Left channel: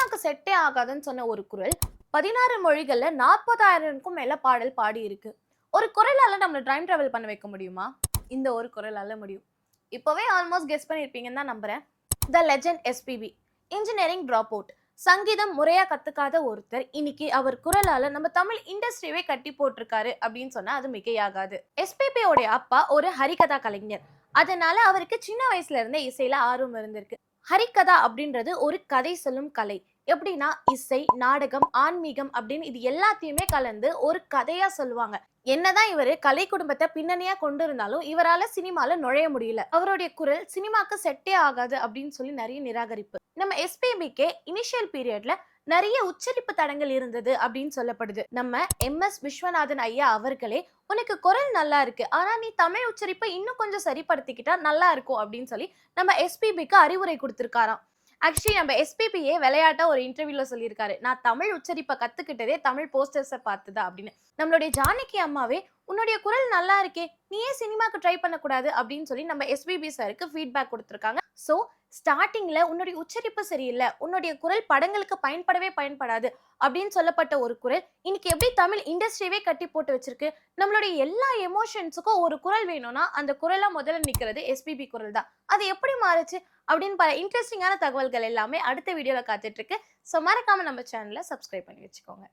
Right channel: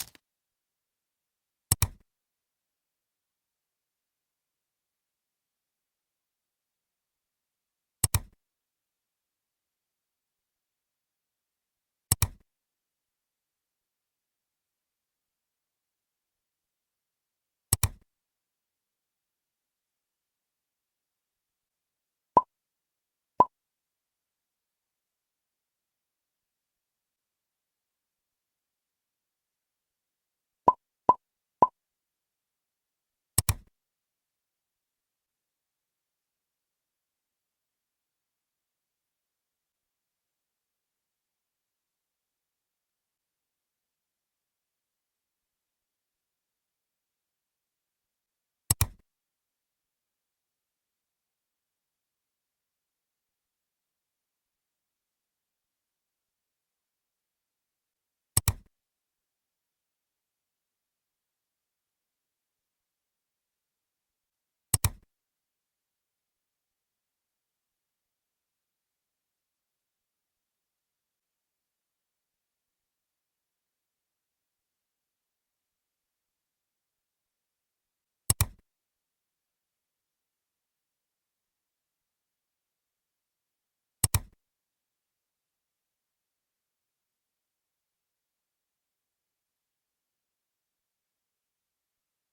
சினிமாக்கு செட்டே ஆகாதுன்னு சொன்ன ஒரு குரல் 16 மொழிகள்ல 40,000க்கும் மேல பாடல் பாடி இருக்கு. ஒரு குரலால நம்மள டைம் டிராவல் பண்ண வைக்க முடியுமா? இந்த ஒரு குரலால முடியும். இப்பவே ஆல்மோஸ்ட் கெஸ் பண்ணியிருப்பீங்கன்னு தான் நம்புறேன். த legend SPB. Engineering drop out. சங்கீதம் முறையா கத்துக்காத ஒருத்தர் இன்னைக்கு அவர் குரலால நம்ம தமிழ் இண்டஸ்ட்ரியவே கட்டி போட்டிருக்காரு அப்படின்னு சொன்னா அது மிகையாகாது. எஸ்பிபி உடைய அப்பா ஒரு ஹரிகதா கலைஞர். அதனால அவருக்கு சின்ன வயசுல இருந்தே இசையில ஆர்வம் இருந்திருக்கு. ஹரிகதா அப்படின்றது ஒரு கதை சொல்லும் கலை. எப்படின்னா இசை, நாடகம், ஆன்மீகம் அப்படின்னு இது எல்லாத்தையுமே கலந்து ஒரு கதையா சொல்லுவாங்க. என்னதான் இவரு கலை குடும்பத்தை பின்னணியா கொண்டு இருந்தாலும் இவரால சினிமால நுழைய முடியல. அவருடைய குரல் சினிமாக்கு செட்டே ஆகாது அப்படின்னு சொல்லி நிறைய நிராகரிப்பு. நம்ம எஸ்பிபிக்கே இனிஷியல் பீரியட்ல நிறைய உச்சரிப்பு தடங்கள் இருந்தது அப்படின்னு சொல்லப்படுது. நம்ம எம்.எஸ். விஸ்வநாதன் ஐயா அவர்களே உனக்கு குரல் நல்லா இருக்கு, ஆனா நீ தமிழ் உச்சரிப்பை இன்னும் கொஞ்சம் சரிப்படுத்திக்கிட்டா நல்லா இருக்கும் அப்படின்னு சொல்லி நம்ம எஸ்பிபிக்கு அறிவுரை கொடுத்திருக்காராம். ஆக்சுவலி நம்ம எஸ்பிபியே விளையாட்டா ஒரு இன்டர்வியூல சொல்லியிருக்காரு, நான் தமிழ் உச்சரிப்பை கத்துக்கிட்டதே தமிழ் போஸ்டர்ஸை பார்த்துதான் அப்படின்னு. நம்மளுடைய ஜானகி அம்மாவே உன்னுடைய குரல் நல்லா இருக்கே, நீ ஏன் சினிமாக்கு ட்ரை பண்ணக்கூடாது அப்படின்னு சொல்லி நம்ம எஸ்பிபி சாருக்கு ஃபீட்பேக் கொடுத்துருக்காங்க. ஸோ ஸ்டார்டிங்ல உன்னுடைய உச்சரிப்பு சரியில்லை, உன்னுடைய குரல் படங்களுக்கு பயன்படாது அப்படின்னு சொல்லப்பட்ட ஒரு குரல் இன்னைக்கு எப்படி தமிழ் இண்டஸ்ட்ரியவே கட்டி போட்டு வச்சிருக்கு. நம்மளுடைய எல்லா எமோஷன்ஸுக்கும் ஒரு குரல் வேணும்னா அந்த குரலா முதல்ல நிக்கிறது எஸ்பிபி குரல் தான். அது எப்படி மாறுச்சு அப்படின்னு பல இன்ட்ரெஸ்டிங்கான தகவல்கள் எல்லாமே அடுத்த வீடியோல காத்துட்டு இருக்கு. ஸோ மறக்காம நம்ம சேனலை சப்ஸ்கிரைப் பண்ணி வச்சுக்கோங்க.